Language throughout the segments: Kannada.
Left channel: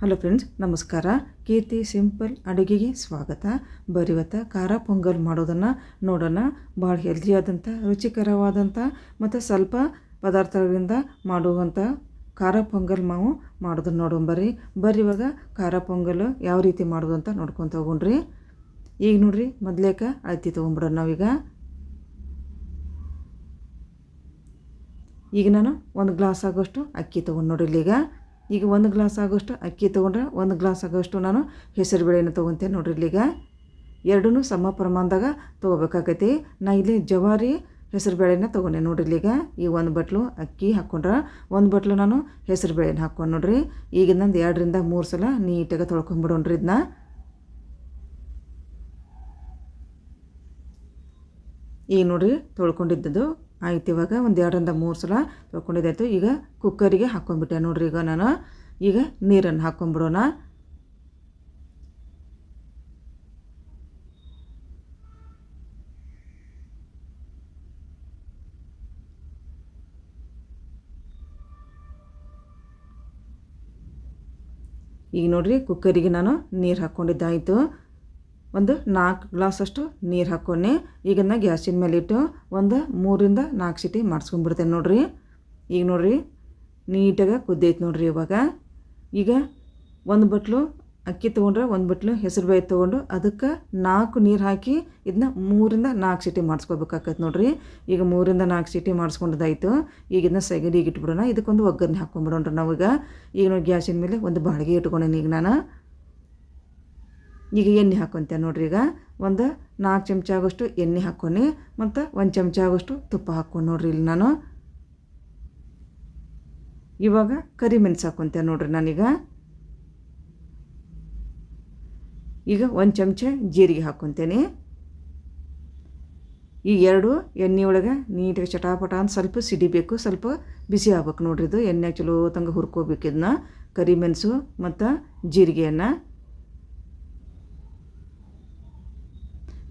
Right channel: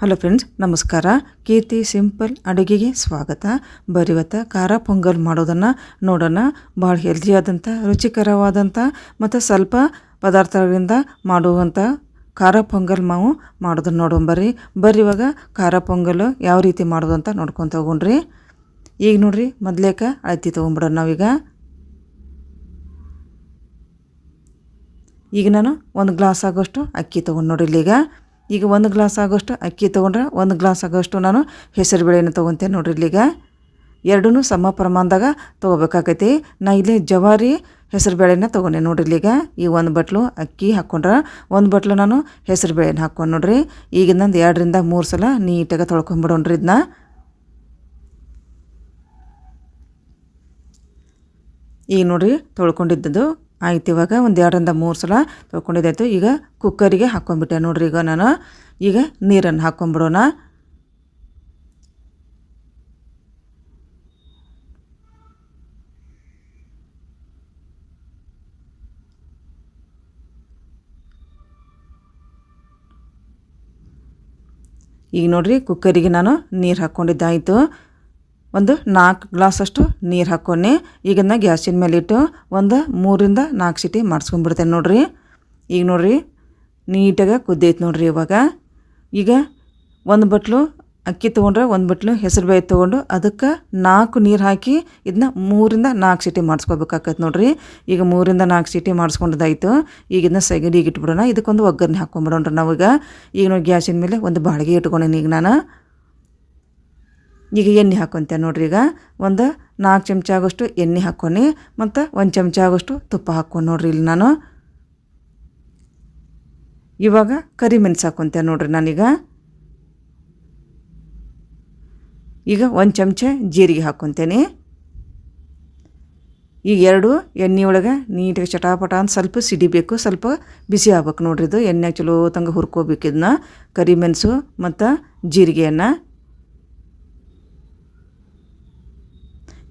ಹಲೋ ಫ್ರೆಂಡ್ಸ್ ನಮಸ್ಕಾರ. ಕೀರ್ತಿ ಸಿಂಪಲ್ ಅಡುಗೆಗೆ ಸ್ವಾಗತ. ಬರಿವತ್ತ ಖಾರ ಪೊಂಗಲ್ ಮಾಡೋದನ್ನು ನೋಡೋಣ. ಭಾಳ ಹೆಲ್ದಿಯಾದಂಥ ರುಚಿಕರವಾದಂಥ ಮತ್ತು ಸ್ವಲ್ಪ ಪದಾರ್ಥಗಳಿಂದ ಮಾಡುವಂಥ ಖಾರ ಪೊಂಗಲ್ ನಾವು ಮಾಡೋದನ್ನು ನೋಡೋಣ ಬರ್ರಿ. ಇವಾಗ ಖಾರ ಪೊಂಗಲ್ ಯಾವ ರೀತಿ ಮಾಡೋದು ಅಂತ ನೋಡ್ಕೊತ ಹೋಗೋಣ್ರಿ. ಈಗ ನೋಡ್ರಿ, ಮೊದಲೇಕ ಅಳತಿ ತೊಗೊಂಬಿಡೋಣ ನಾವೀಗ. ಈಗ ನಾನು ಒಂದು ಗ್ಲಾಸ್ ಆಗೋಷ್ಟು ಅಕ್ಕಿ ತೊಗೊಂಡು ನೋಡಿಲ್ಲ ಇಲ್ಲೀಗ. ಈಗ ಒಂದು ಗ್ಲಾಸ್ ಆಗೋಷ್ಟು ಅಕ್ಕಿ ತೊಗೊಂಡ್ರೆ ಒಂದು ಗ್ಲಾಸ್ ಆಗೋಷ್ಟು ನಾನು ಹೆಸರು ಬೇಳೆನ ತೊಗೊತೇನೆ ನೋಡ್ರಿ ಇಲ್ಲಿಗ. ಎರಡೂ ಸಮ ಪ್ರಮಾಣದಾಗ ತೊಗೋಬೇಕಾಗೈತಿ. ನಾ ಇಲ್ಲಿ ಜವಾರಿ ಹೆಸರು ಬೇಳೆನ ತೊಗೊಂಡೆ ನೋಡ್ರಿ ಇಲ್ಲಿಗ. ಈ ಒಂದು ಬಟ್ಲು ಅಕ್ಕಿ ಹಾಕ್ಕೊಂಡ್ರೆ ಒಂದು ಬಟ್ಲು ನಾನು ಹೆಸರು ಬೇಳೆನ ಹಾಕ್ಕೊಂಡು ನೋಡ್ರಿ. ಈಗ ನಂದು ಎರಡರಿಂದ ಮೂರು ಸಲ ನೀಟಾಗಿ ತೊಳ್ಕೊಂಬಿಡೋಣ್ರಿ ಇದನ್ನ ಈಗ ನೋಡ್ರಿ ತೊಳ್ಕೊಂಡಿದ್ದದು ಆಯ್ತು ಇವಾಗ ಒಂದು ಎರಡರಿಂದ ಮೂರು ಸಲ ತೊಳ್ಕೊಂಡಿದ್ದಾಯ್ತು. ಈಗ ಕುಕ್ಕರಿಗೆ ಹಾಕ್ಕೊಂಡ್ಬಿಟ್ಟೆ ನೋಡ್ರಿ ಈಗ ನಾನು. ಈಗ ನೀರನ್ನು ಹಾಕ್ಕೊಂಬಿಡೋಣ ಈಗ ನೋಡ್ರಿ ಕುಕ್ಕರಿಗೆ ನಾನು ನೀರು ಹಾಕ್ಕೊಂಡಿದ್ದಾಯಿತು ಒಂದು ನಾಲ್ಕು ಗ್ಲಾಸಷ್ಟು ನೀರು ಹಾಕ್ಕೊಂಡು ಈಗಿನ ಗ್ಯಾಸಿನ ಮೇಲೆ ಇಟ್ಟು ಒಂದು ಮೂರಿಂದ ನಾಲ್ಕು ಸಿಟಿ ಮಾಡಿಸ್ಕೊಂಡ್ಬಿಡ್ತೇನೆ ನೋಡಿರಿ. ಈಗ ನೋಡಿರಿ, ನೀಟಾಗಿ ಕುದ್ದೈತೆ ನೋಡಿರಿ ಇವಾಗ. ಈಗ ಒಂದು ಬಟ್ಲು ಅಕ್ಕಿ ತೊಗೊಂಡ್ರೆ ಒಂದು ಬಟ್ಲು ಹೆಸರು ಬೇಳೆ ತೊಗೊಂಡು ಅದಕ್ಕೆ ನಾಲ್ಕು ನೀರು ಹಾಕಿ ಇದನ್ನ ಮೂರಿಂದ ನಾಲ್ಕು ಸಿಟಿ ಮಾಡಿಸ್ಕೋಬೇಕಾಗತ್ತೆ ನೋಡಿರಿ. ಈಗ ಮೂರಿಂದ ನಾಲ್ಕು ಸಿಟಿ ಮಾಡಿಸ್ಕೊಂಡದಾಯಿತು. ಈಗ ಇದನ್ನ ಸೆಗಡಿಗೆ ಇಟ್ಬಿಡೋಣ. ಇದಕ್ಕೊಂದು ಒಗ್ಗರಣೆ ಹಾಕ್ಕೊಂಬಿಡೋಣ್ರಿ ನಾವೀಗ. ಈಗ ನೋಡಿ ಗ್ಯಾಸಿನ ಮೇಲೆ ಒಂದು ಬಾಳಿಗೆ ಇಟ್ಕೊಂಡೇನಿ ಈಗ ನಾನು. ಈಗ ಎಣ್ಣೆ ಹಾಕ್ಕೊಂತೆ ನೋಡ್ರಿ ಈಗ. ಒಂದು ನಾಲ್ಕು ಚಮಚ ಆಗೋಷ್ಟು ಎಣ್ಣೆ ಹಾಕ್ಕೊಂಡು ಮತ್ತು ಒಂದು ಚಮಚ ಆಗೋಷ್ಟು ತುಪ್ಪ ಹಾಕ್ಕೊಂಡು ನೋಡ್ರಿ ಇಲ್ಲಿ ನಾನು. ಇವಾಗ ಕರಿಮೆಣಸು ಹಾಕೊಂತೆ ನೋಡ್ರಿ ನಾನೀಗ. ಈಗ ಒಂದು ಚಮಚ ಜೀರಿಗೆ ಹಾಕ್ಕೊತೇನೆ ಈ ಎರಡು ಎಣ್ಣೆ ಒಳಗೆ ನೀಟಾಗಿ ಚಟಾಪಟ ಅಂತ ಸ್ವಲ್ಪ ಸಿಡಿಬೇಕು, ಸ್ವಲ್ಪ ಬಿಸಿ ಆಗ್ಬೇಕು ನೋಡ್ರಿ ಇದು. ಎಣ್ಣೆ ಚಲೋ ತಂಗ ಹುರ್ಕೋಬೇಕು ಇದನ್ನ. ಕರಿಮೆಣಸು ಮತ್ತು ಜೀರಿಗೆಯನ್ನು.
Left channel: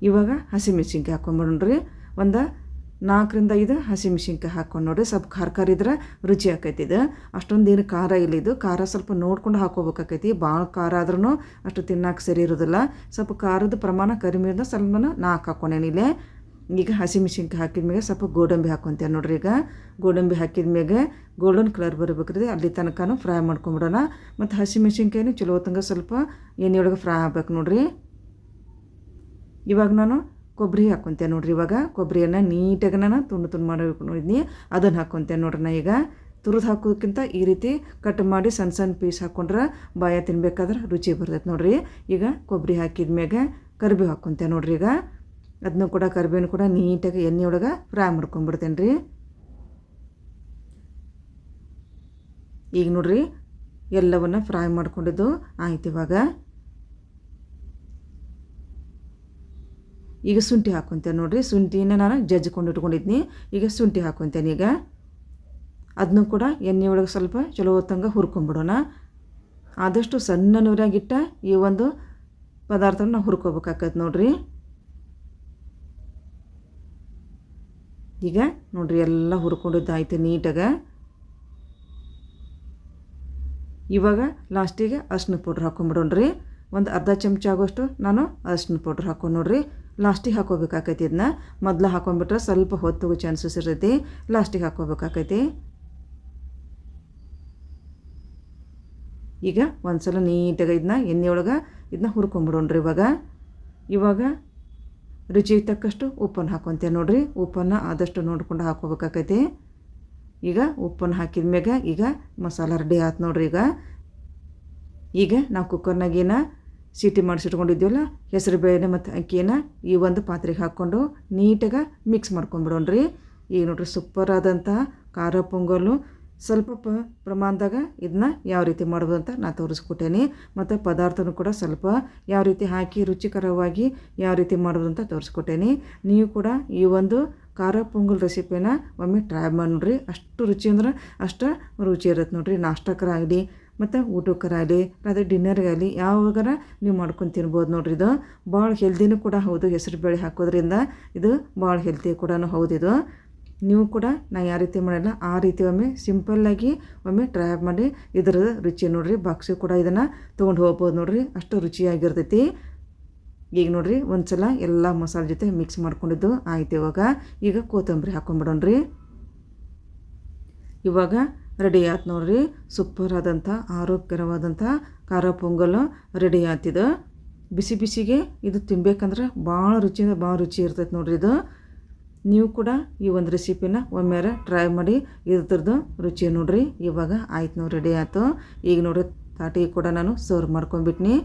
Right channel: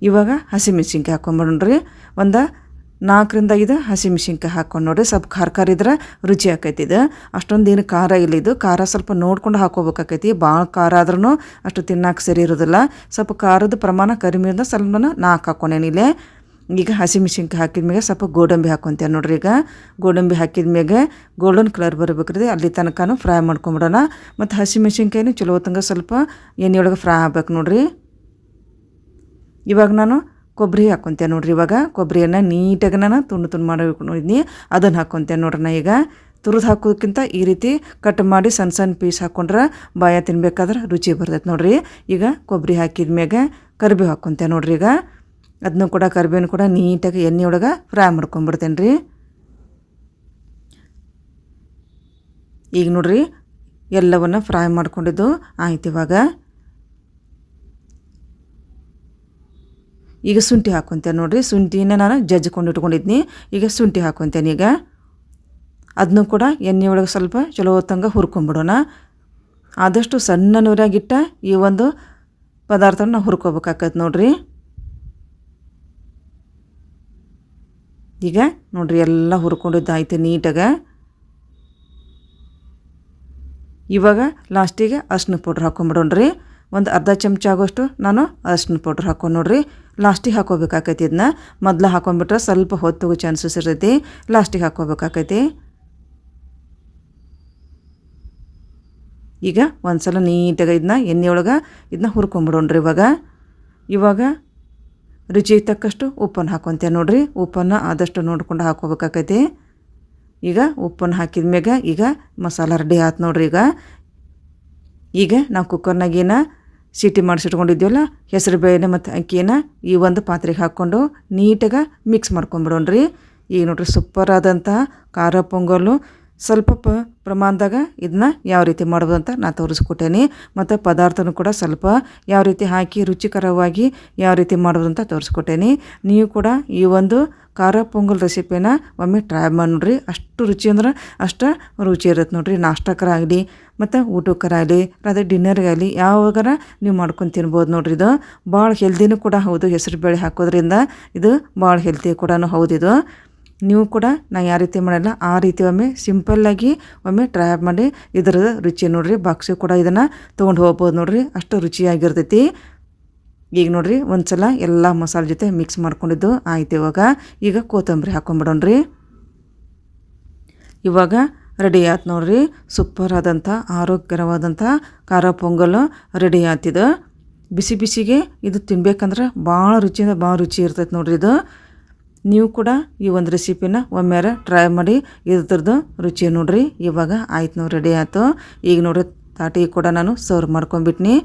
ಇವಾಗ ಹಸಿಮೆಣ್ಸಿನ್ಕಾಯಿ ಹಾಕೊಂಬಿಡೋಣ್ರಿ ಒಂದು ನಾಲ್ಕರಿಂದ ಐದು ಹಸಿಮೆಣ್ಸಿನ್ಕಾಯಿ ಹಾಕ್ಕೊಂಡು ನೋಡಿರಿ. ಸ್ವಲ್ಪ ಖಾರ ಖಾರ ಇದ್ರೆ ರುಚಿ ಆಕೈತಿ ಇದು. ಅಷ್ಟೊಂದು ಏನು ಖಾರ ಇಲ್ಲ ಇದು. ಖಾರ ಸ್ವಲ್ಪ ನೋಡ್ಕೊಂಡು ಹಾಕೋಬೇಕಾಕೈತಿ. ಭಾಳ ಖಾರ ಆದ್ರೂ ಅಷ್ಟು ತಿನ್ನಕ್ಕೆ ಸರಿ ಇರೋದಿಲ್ಲ. ಸ್ವಲ್ಪ ಖಾರದ ಪ್ರಮಾಣ ಕಡಿಮೆ ಇರೋದ್ರೆ ಸ್ವಲ್ಪ ನಾಲ್ಕು ಹಾಕ್ಕೊಂಡೇನಿ ಇಲ್ಲೇ. ಈಗ ಹಸಿಮೆಣ್ಸಿನ್ಕಾಯಿ ಹಾಕಿದ ಮೇಲೆ ಸ್ವಲ್ಪ ಗೋಡಂಬಿ ಹಾಕೊತೀವಿ ನೋಡ್ರಿ ಈಗ. ಗೋಡಂಬಿ ಹಾಕಿದ ಮ್ಯಾಗೆ ಗೋಲ್ಡನ್ ಕಲರ್ ಬರಬೇಕ್ರಿ ಅಲ್ಲಿ ತನಕನೂ ಫ್ರೈ ಮಾಡ್ಕೊಂಬಿಡೋಣ. ಮತ್ತು ಹಸಿಮೆಣ್ಸಿನ್ಕಾಯಿನೂ ಚಲೋ ತಂಗ ಸ್ವಲ್ಪ ಎಣ್ಣೆಯೊಳಗೆ ಫ್ರೈ ಆಗ್ಬೇಕು ನೋಡ್ರಿ. ಇವಾಗ ನಾನು ಕೊಬ್ಬರಿ ಹಾಕ್ಕೊತೇನೆ ನೋಡ್ರಿ, ಇವಾಗ ಕೊಬ್ಬರಿಯನ್ನು ನೀಟಾಗಿ ನಾನು ತುಂಡು ತುಂಡು ಮಾಡಿದ್ನಿ ಅದನ್ನು ನೋಡ್ರಿ ನಾ ಈಗ. ತುರಿದು ಹಾಕೋದಕ್ಕಿಂತ ಈ ರೀತಿ ಕಟ್ ಮಾಡಿ ಸಣ್ಣ ಸಣ್ಣ ಪೀಸ್ ಹಾಕ್ಕೊಂಡ್ರೆ ಬಾಯ ತಿನ್ಬೇಕಾದ್ರೆ ರುಚಿ ಬರ್ತೈತೆ ನೋಡ್ರಿ. ಈಗ ಕೊಬ್ಬರಿ ಹಾಕಿದ ಮ್ಯಾಗ ಕರಿಬೇವು ಹಾಕ್ಕೊತೇನೆ ನೋಡ್ರಿ ಈಗ. ಅದನ್ನು ಕೂಡ ಕರಿಬೇವು ಕೂಡ ನೀಟಾಗಿ ಎಣ್ಣೆ ಒಳಗೆ ಫ್ರೈ ಮಾಡ್ಕೊಂಬಿಡ್ತೇನೆ ರೀ ಈಗ ನೋಡ್ರಿ, ಎಲ್ಲವನ್ನು ಫ್ರೈ ಮಾಡ್ಕೊಂಡಿದ್ದು ಆಯ್ತು ಇವಾಗ. ಈಗ ಶುಂಠಿ ಹಾಕ್ಕೊತೇನೆ ನೋಡಿರಿ. ಶುಂಠಿನ ನಾನು ಜಜ್ಜಿಕೊಂಡು ಇಟ್ಕೊಂಡಿದ್ನಿ. ಈಗ ಶುಂಠಿ ಹಾಕ್ಕೊತೇನೆ ಈಗ. ಅದನ್ನು ಕೂಡ ಎಣ್ಣೆ ಒಳಗೆ ಸ್ವಲ್ಪ ಚಲೋ ಹೊತ್ತಂಗೆ ಹುರ್ಕೊಂಬಿಡೋಣ. ಆದಷ್ಟು ಸಣ್ಣ ನೂರಾಗಿಟ್ಟ ಈ ಒಂದು ಪದಾರ್ಥನ ನಾವು ಹುರ್ಕೋಬೇಕಾಗತ್ತೆ ನೋಡಿರಿ. ಈಗ ನೋಡಿರಿ ಎಲ್ಲ ಹುರ್ಕೊಂಡಿದ್ದಾಯ್ತು ನೀಟಾಗ. ಇವಾಗ ಲಾಸ್ಟಿಗೆ ಅರ್ಶಿನ ಪೌಡ್ರ್ ಹಾಕ್ಕೊಂಬಿಡೋಣ್ರಿ ಒಂದು ಅರ್ಧ ಚಮಚ ಆಗೋಷ್ಟು ನಾನು ಅರಿಶಿನ ಪೌಡ್ರ್ ಹಾಕ್ಕೊಂಡು ನೋಡ್ರಿ. ಲಾಸ್ಟಿಗೆ ಹಾಕೋಬೇಕಾಕೈತಿ ಇದನ್ನ ಮೊದಲು ಹಾಕೊಂಡ್ಬಿಟ್ರೆ ಸ್ವಲ್ಪ ಹೊತ್ತು ಚಾನ್ಸಸ್ ಇರ್ತೈತಿ. ಲಾಸ್ಟಿಗೆ ಹಾಕೋಬೇಕಾಕೈತಿ ಈಗ ಒಂದು ಸಲ ನೀಟಾಗಿ ಇದನ್ನ ಎಣ್ಣೆ ಒಳಗೆ ಇದನ್ನ ಹುರ್ಕೊಂಬಿಡೋಣ್ರಿ ಇವಾಗ. ಇವಾಗ ರುಚಿಗೆ ತಕ್ಕಷ್ಟು ಉಪ್ಪನ್ನು ಹಾಕೊತೀವಿ ನೋಡಿರಿ. ಉಪ್ಪನ್ನು ಆದಷ್ಟು ನೋಡ್ಕೊಂಡು ಹಾಕೋಬೇಕಾಕೈತಿ ಈಗ ಉಪ್ಪನ್ನು ಹಾಕಿದ ಮ್ಯಾಗ ಈಗ ಮಸಾಲ ರೆಡಿ ಆಯ್ತು ನೋಡ್ರಿ ಈಗ. ಈಗ ನಾವು ಕುಕ್ಕರ್ನಾಗೇನ ಸೀಟಿ ಮಾಡಿಸಿಟ್ಕೊಂಡಿದ್ದೀವಲ್ಲ ಹೆಸರು ಬೇಳೆ ಮತ್ತು ಅಕ್ಕಿನ ಈ ಒಂದು ಪಾತ್ರೆಗೆ ಹಾಕ್ಕೊಂಡು ನೀಟಾಗಿ ಮಿಕ್ಸ್ ಮಾಡ್ಕೊಂಬಿಡೋಣ್ರಿ. ಈಗ ನೋಡ್ರಿ ಸೂಪರ್ ಆದಂತಹ ಖಾರ ಪೊಂಗಲ್ಲು. ಸ್ವಲ್ಪ ಪ ಪ್ರಮಾಣದಾಗ ಇದನ್ನ ಯಾವ ರೀತಿ ಮಾಡೋದು ಅಂತ ನಾನು ತೋರಿಸ್ಕೊಟ್ಟೇನಿ. ಮತ್ತು ಪದಾರ್ಥನೂ ಕೂಡ ಸ್ವಲ್ಪ ಯಾವ ರೀತಿ ಹಾಕಿ ರುಚಿಕರವಾಗಿ ಯಾವ ರೀತಿ ಮಾಡೋದು ಅಂತ ತೋರಿಸ್ಕೊಟ್ಟೇನಿ. ನೀವು ಕೂಡ ಈ ಒಂದು ಖಾರ ಪೊಂಗಲ್ ರೆಸಿಪಿನ ಒಮ್ಮೆ ಟ್ರೈ ಮಾಡಿ ನೋಡ್ರಿ ಅಷ್ಟು ರುಚಿ ಅಂದ್ರೆ ಅಷ್ಟು ರುಚಿ ಇರುತ್ತೆ ನೋಡ್ರಿ. ನಾಷ್ಟಕ್ಕರಾಗಲಿ ಮತ್ತು ಊಟಕ್ಕರಾಗಲಿ ಡಿನ್ನರ್ಗೆ ಆಗಲಿ ಯಾವಾಗಾರ ನೀವು ಮಾಡ್ಕೊಂಡು ತಿನ್ಬೋದು ನೋಡ್ರಿ ಇದು. ಭಾಳ ಹೆಲ್ದಿನೂ ಕೂಡ ಹೌದು, ಹೆಸರು ಬೇಳೆ ಹಾಕೋದ್ರಿಂದ ಇದು ಭಾಳ ಹೆಲ್ದಿ ಕೂಡ ಹೌದು ಇದು. ನೀವು ಕೂಡ ನಾ ಯಾವ ರೀತಿ ಮಾಡಲ್ಲ, ಆ ರೀತಿ ಒಮ್ಮೆ ಸಿಂಪಲ್ಲಾಗಿ ಒಮ್ಮೆ ಟ್ರೈ ಮಾಡಿ ಇದರ ರುಚಿ ನೋಡಿರಿ ಬಾಕ್ಸು ಕೂಡ ಇದನ್ನು ತೊಗೊಂಡು ಹೋಗ್ಬೋದು ನೋಡಿರಿ, ಅಷ್ಟು ರುಚಿಯಾಗಿರ್ತೈತಿ. ಈಗ ನೋಡಿರಿ ಒಂದು ಸಲ ಎಲ್ಲ ಮಸಾಲೆ ಜೊತೆ ಮಿಕ್ಸ್ ಮಾಡ್ಕೊಂಡಿದ್ದು ಆಯ್ತು ಇವಾಗ. ಈಗ ಕೊತ್ತಂಬರಿ ಹಾಕೊಂಡ್ಬಿಡೋಣ್ರಿ ಇವಾಗ ರೆಡಿ ಆಯ್ತು ನೋಡ್ರಿ. ಸೂಪರ್ ಆದಂಥ ಆರೋಗ್ಯಕರವಾದಂಥ ಖಾರ ಪೊಂಗಲ್ ರೆಡಿ ಆಯ್ತಿದೆ ಬಿಸಿ ಬಿಸಿಗೆ ಇದು ತಿನ್ಬೇಕಂದ್ರೆ ಭಾಳ ರುಚಿಯಿಂದ ಭಾಳ ರುಚಿ ಇರ್ತೈತೆ ನೋಡ್ರಿ ಇದು. ನೀವು ಕೂಡ ಈ ಒಂದು ರೆಸಿಪಿನ ಒಮ್ಮೆರ ಟ್ರೈ ಮಾಡಿ ಇದ್ರದ್ದು ರುಚಿ ನೋಡ್ರಿ. ಇವಾಗ ಆಯ್ತು ನೋಡಿ ರೆಡಿ ಆಯಿತು ಈಗ ನೋಡ್ರಿ ತಾಟಿಗೆ ಕೂಡ ನಾನು ಸರ್ವ್ ಮಾಡ್ಕೊಂಡ್ಬಿಟ್ನಿ.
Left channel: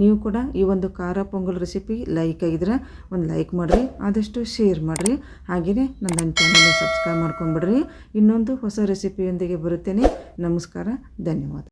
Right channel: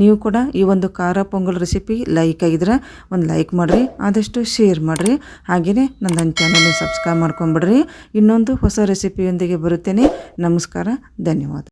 ನೀವು ಕೂಡ ಈ ಒಂದು ಖಾರ ಪೊಂಗಲ್ ರೆಸಿಪಿ ಲೈಕ್ ಆಗಿದ್ರೆ ಒಂದು ಲೈಕ್ ಮಾಡಿರಿ, ಆದಷ್ಟು ಶೇರ್ ಮಾಡಿರಿ. ಹಾಗೆಯೇ ನನ್ನ ಚಾನಲ್ನ ಸಬ್ಸ್ಕ್ರೈಬ್ ಮಾಡ್ಕೊಂಬಿಡ್ರಿ ಇನ್ನೊಂದು ಹೊಸ ರೆಸಿಪಿಯೊಂದಿಗೆ ಬರುತ್ತೇನೆ. ನಮಸ್ಕಾರ, ಧನ್ಯವಾದ.